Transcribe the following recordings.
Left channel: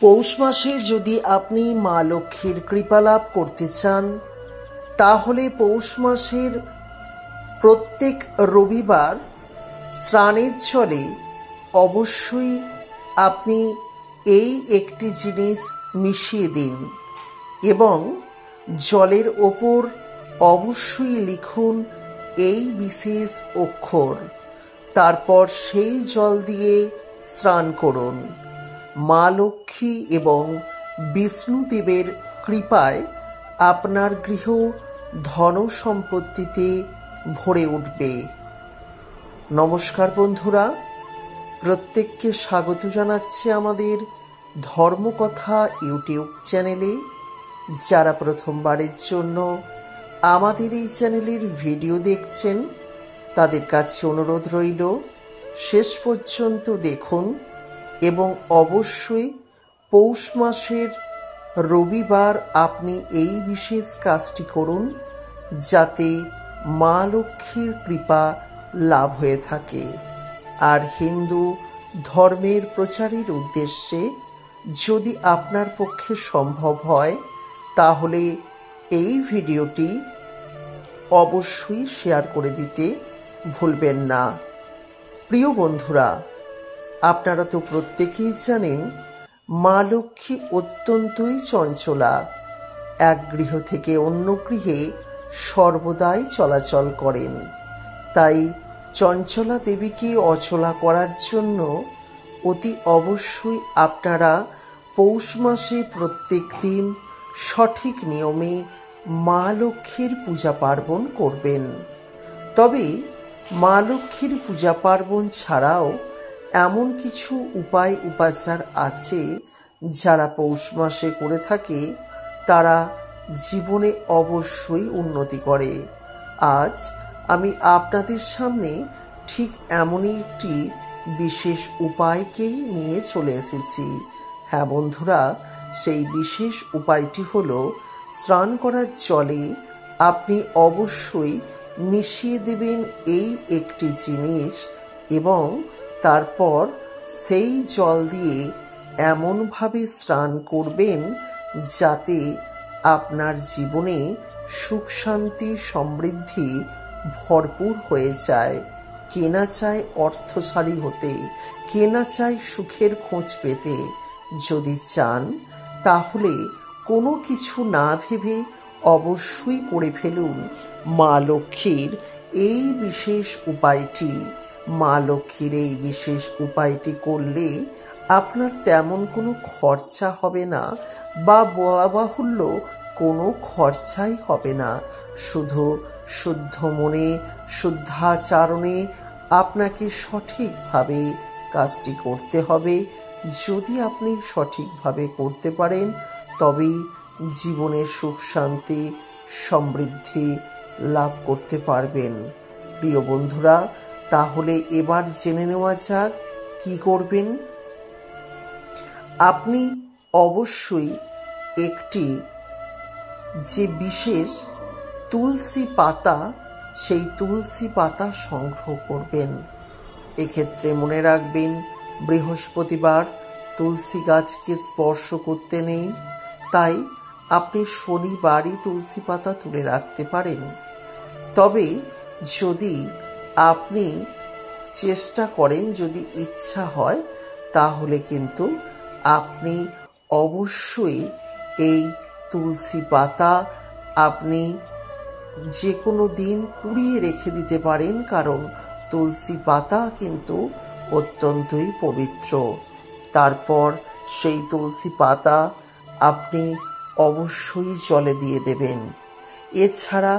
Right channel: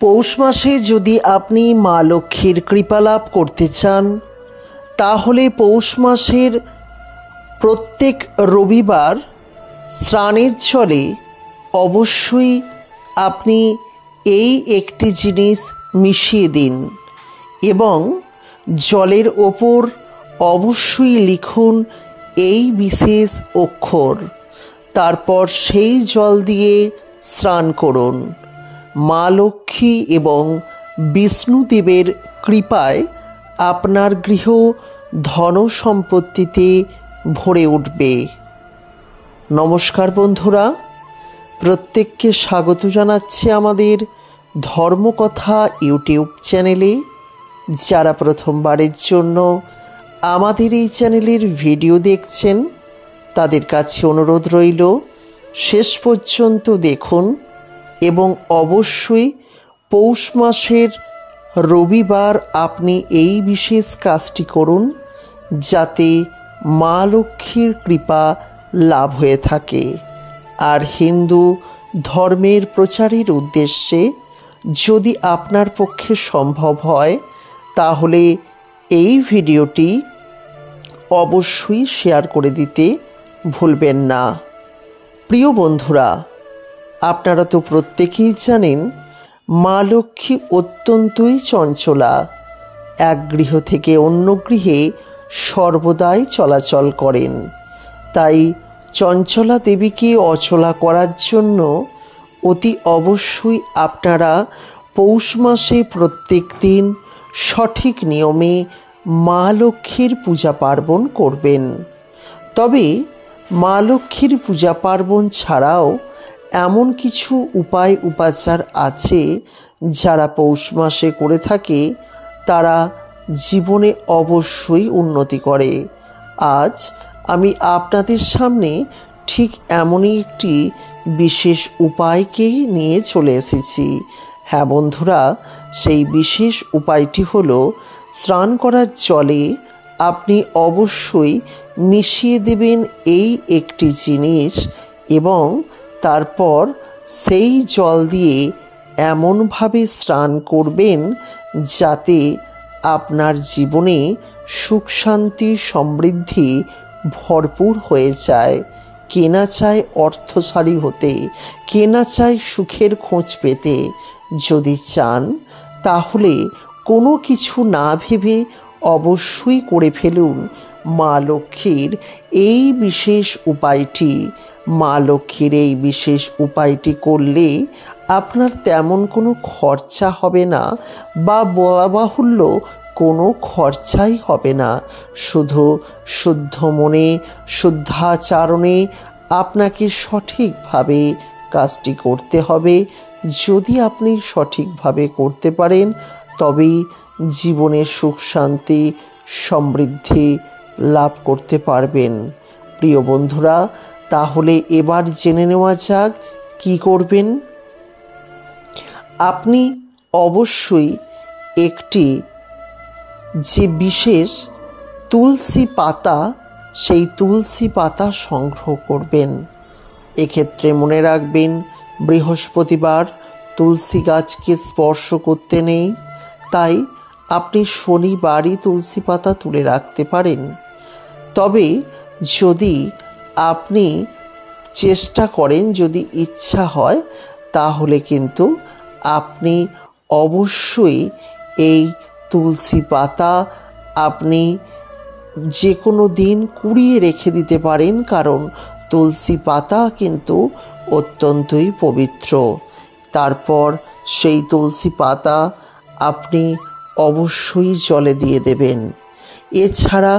পৌষ মাসে যদি আপনি মা লক্ষ্মীর কৃপা লাভ করতে চান, তাহলে পৌষ মাসের প্রত্যেক রবিবার স্নানের জলে অবশ্যই আপনি এই একটি জিনিস মিশিয়ে দিন এবং জলের ওপর অবশ্যই লিখুন এই বিশেষ অক্ষর। তারপর সেই জল দিয়ে স্নান করুন। মা লক্ষ্মী এবং বিষ্ণুদেবের কৃপায় আপনার গৃহ ধন সম্পত্তিতে ভরে উঠবে। নমস্কার বন্ধুরা, প্রত্যেককে স্বাগত জানাচ্ছি আমাদের ধর্মকথা ইউটিউব চ্যানেলে। যারা প্রথমবারের জন্য আমাদের এই চ্যানেলের ভিডিও দেখছেন, তাদের কাছে অনুরোধ রইল শেষ পর্যন্ত দেখুন এবং অবশ্যই পৌষ মাসের রবিবার আপনি এই বিশেষ কাজটি করুন, যাতে মা লক্ষ্মীর কৃপা লাভ হয়ে থাকে। আর হিন্দু ধর্মের প্রচারের উদ্দেশ্যে যদি আপনার পক্ষে সম্ভব হয়, তাহলে এই ভিডিওটি অবশ্যই শেয়ার করে দিতে ভুলবেন না। প্রিয় বন্ধুরা, আপনারা তো প্রত্যেকেই জানেন মা লক্ষ্মী অত্যন্তই চঞ্চলা। এক গৃহ থেকে অন্য গৃহে সর্বদাই চলাচল করেন। তাই চঞ্চলা দেবীকে অচলা করার জন্য অতি অবশ্যই আপনারা পৌষ মাসে প্রত্যেক দিন সঠিক নিয়মে মা লক্ষ্মীর পূজা পার্বণ করবেন। তবে মা লক্ষ্মীর পূজা পার্বণ ছাড়াও এমন কিছু উপায় উপাচার আছে যারা পৌষ মাসে করে থাকে, তারা জীবনে অবশ্যই উন্নতি করে। আজ আমি আপনাদের সামনে ঠিক এমনই একটি বিশেষ উপায়কেই নিয়ে চলে এসেছি। হ্যাঁ বন্ধুরা, সেই বিশেষ উপায়টি হলো স্নান করার জলে আপনি অবশ্যই মিশিয়ে দেবেন এই একটি জিনিস এবং তারপর সেই জল দিয়ে এমনভাবে স্নান করবেন যাতে আপনার জীবনে সুখ শান্তি সমৃদ্ধি ভরপুর হয়ে যায়। কে না চায় অর্থশালী হতে, কে না চায় সুখের খোঁজ পেতে। যদি চান তাহলে কোনো কিছু না ভেবে অবশ্যই করে ফেলুন মা লক্ষ্মীর এই বিশেষ উপায়টি। মা লক্ষ্মীর এই বিশেষ উপায়টি করলে আপনার তেমন কোনো খরচা হবে না, বা বলা বাহুল্য কোনো খরচাই হবে না। শুধু শুদ্ধ মনে শুদ্ধাচারণে আপনাকে সঠিকভাবে কাজটি করতে হবে। যদি আপনি সঠিকভাবে করতে পারেন, তবেই জীবনে সুখ শান্তি সমৃদ্ধি লাভ করতে পারবেন। প্রিয় বন্ধুরা, তাহলে এবার জেনে নেওয়া যাক কি করবেন। আপনি অবশ্যই একটি যে বিশেষ তুলসী পাতা, সেই তুলসী পাতা সংগ্রহ করবেন। এক্ষেত্রে মনে রাখবেন, বৃহস্পতিবার তুলসী গাছকে স্পর্শ করতে নেই। তাই আপনি শনিবারই তুলসী পাতা তুলে রাখতে পারেন। তবে যদি আপনি চেষ্টা করেন, যদি ইচ্ছা হয়, তাহলে কিন্তু আপনি অবশ্যই এই তুলসী পাতা আপনি যে কোনো দিন কুড়িয়ে রেখে দিতে পারেন, কারণ তুলসী পাতা কিন্তু অত্যন্তই পবিত্র। তারপর সেই তুলসী পাতা আপনি অবশ্যই জলে দিয়ে দেবেন। এছাড়া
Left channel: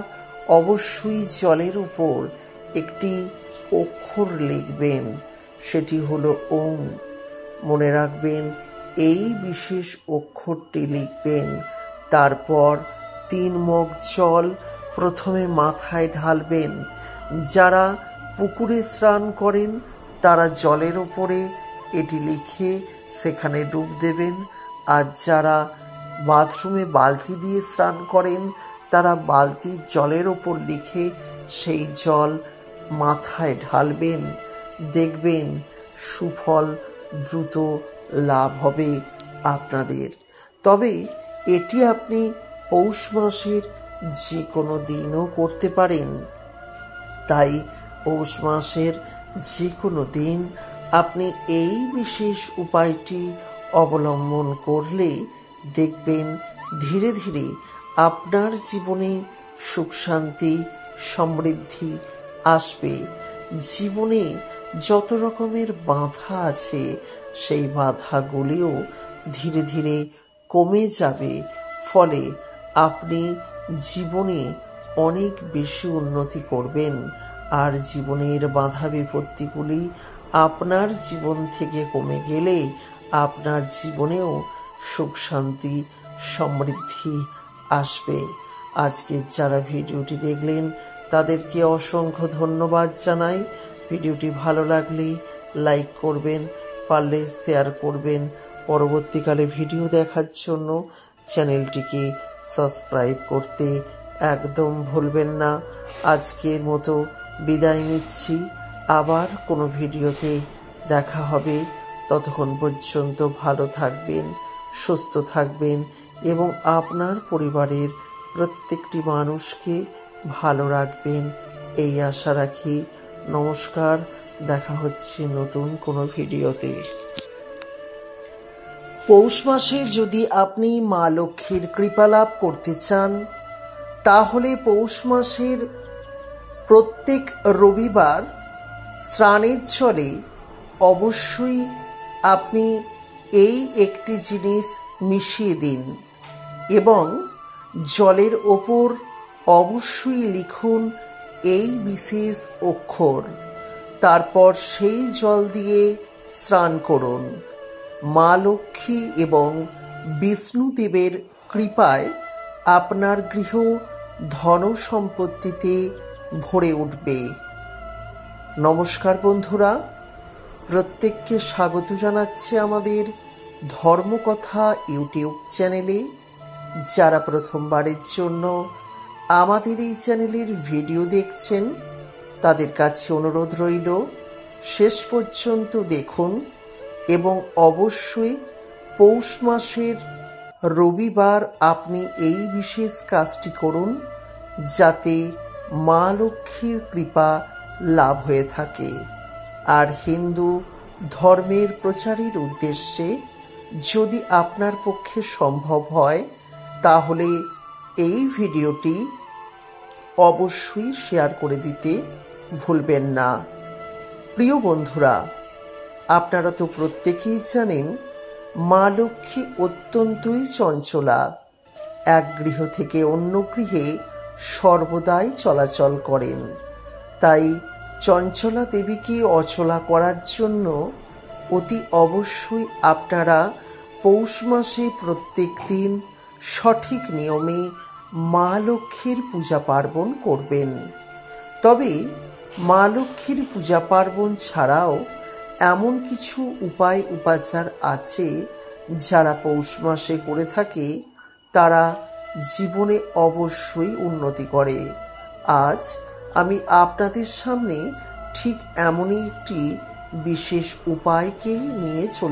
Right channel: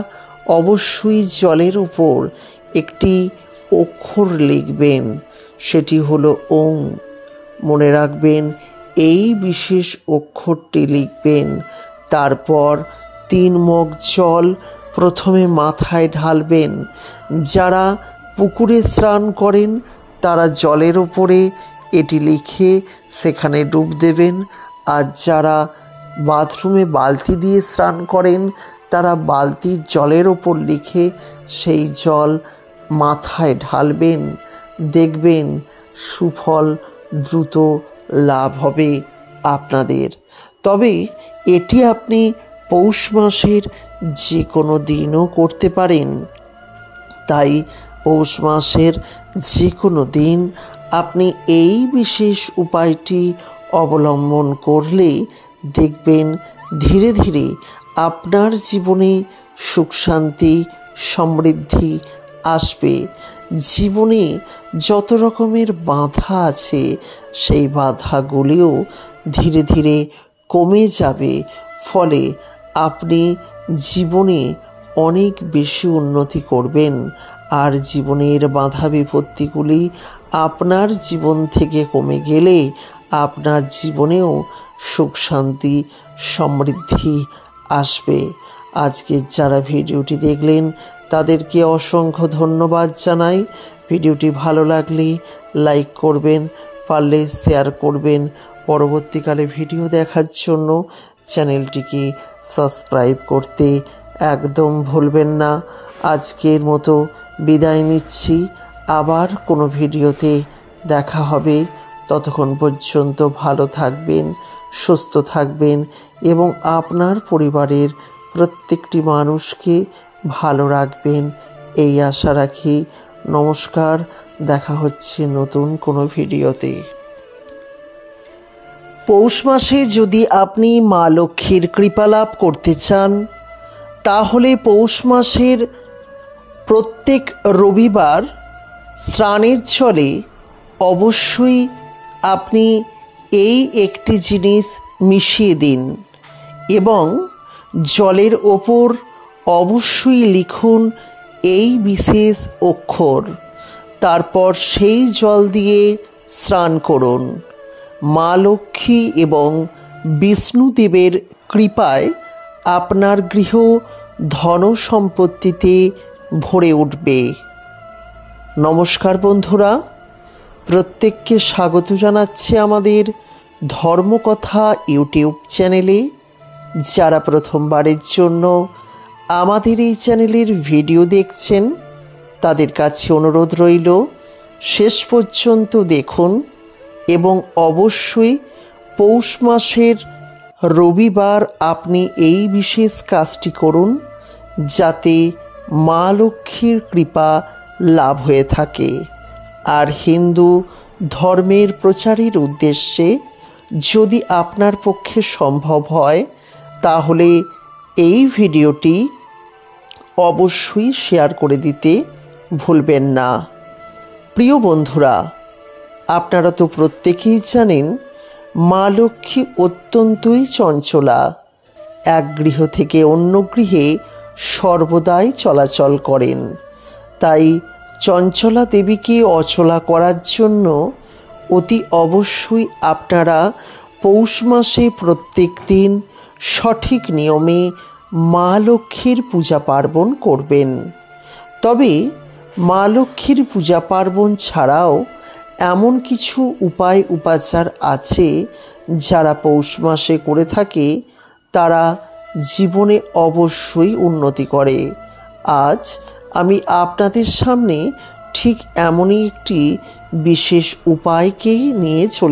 অবশ্যই জলের উপর একটি অক্ষর লিখবেন, সেটি হলো ওং। মনে রাখবেন, এই বিশেষ অক্ষরটি লিখবেন। তারপর 3 মগ জল প্রথমে মাথায় ঢালবেন। যারা পুকুরে স্নান করেন তারা জলের ওপরে এটি লিখে সেখানে ডুব দেবেন। আর যারা বাথরুমে বালতি দিয়ে স্নান করেন, তারা বালতির জলের ওপর লিখে সেই জল মাথায় ঢালবেন। দেখবেন সুফল দ্রুত লাভ হবে। আপনাদের। তবে এটি আপনি পৌষ মাসের যে কোনো দিনও করতে পারেন। তাই পৌষ মাসের যে কোনো দিন আপনি এই বিশেষ উপায়টি অবলম্বন করলে দেখবেন ধীরে ধীরে আপনার জীবনে সুখ শান্তি সমৃদ্ধি আসবে। জীবনে যত রকমের বাধা আছে সেই বাধাগুলিও ধীরে ধীরে কমে যাবে। ফলে আপনি জীবনে অনেক বেশি উন্নতি করবেন। আর জীবনের বাধা বিপত্তিগুলি আপনার জীবন থেকে কমে গেলে আপনার জীবনেও সুখ শান্তি সমৃদ্ধি আসবে। আজকে যারা ভিডিওটি দেখলেন তাদেরকে অসংখ্য ধন্যবাদ জানাই। ভিডিওটি ভালো লাগলে লাইক করবেন, পারলে শেয়ার করবেন। পরবর্তীকালে ভিডিও দেখার জন্য চ্যানেলটিকে সাবস্ক্রাইব করতে একদম ভুলবেন না। আজকের মতো বিদায় নিচ্ছি। আবার কোনো ভিডিওতে দেখা হবে। ততক্ষণ পর্যন্ত ভালো থাকবেন, সুস্থ থাকবেন এবং আপনার পরিবারের প্রত্যেকটি মানুষকে ভালো রাখবেন এই আশা রাখি। নমস্কার, দেখা হচ্ছে নতুন কোনো ভিডিওতে। পৌষ মাসে যদি আপনি মা লক্ষ্মীর কৃপা লাভ করতে চান তাহলে পৌষ মাসের প্রত্যেক রবিবার স্নানের জলে অবশ্যই আপনি এই একটি জিনিস মিশিয়ে দিন এবং জলের ওপর অবশ্যই লিখুন এই বিশেষ অক্ষর। তারপর সেই জল দিয়ে স্নান করুন। মা লক্ষ্মী এবং বিষ্ণুদেবের কৃপায় আপনার গৃহ ধন সম্পত্তিতে ভরে উঠবে। নমস্কার বন্ধুরা, প্রত্যেককে স্বাগত জানাচ্ছি আমাদের ধর্মকথা ইউটিউব চ্যানেলে। যারা প্রথমবারের জন্য আমাদের এই চ্যানেলের ভিডিও দেখছেন তাদের কাছে অনুরোধ রইল শেষ পর্যন্ত দেখুন এবং অবশ্যই পৌষ মাসের রবিবার আপনি এই বিশেষ কাজটি করুন যাতে মা লক্ষ্মীর কৃপা লাভ হয়ে থাকে। আর হিন্দু ধর্মের প্রচারের উদ্দেশ্যে যদি আপনার পক্ষে সম্ভব হয় তাহলে এই ভিডিওটি অবশ্যই শেয়ার করে দিতে ভুলবেন না। প্রিয় বন্ধুরা, আপনারা তো প্রত্যেকেই জানেন মা লক্ষ্মী অত্যন্তই চঞ্চলা। এক গৃহ থেকে অন্য গৃহে সর্বদাই চলাচল করেন। তাই চঞ্চলা দেবীকে অচলা করার জন্য অতি অবশ্যই আপনারা পৌষ মাসে প্রত্যেক দিন সঠিক নিয়মে মা লক্ষ্মীর পূজা পার্বণ করবেন। তবে মা লক্ষ্মীর পূজা পার্বণ ছাড়াও এমন কিছু উপায় উপাচার আছে যারা পৌষ মাসে করে থাকে তারা জীবনে অবশ্যই উন্নতি করে। আজ আমি আপনাদের সামনে ঠিক এমনই একটি বিশেষ উপায়কেই নিয়ে চলে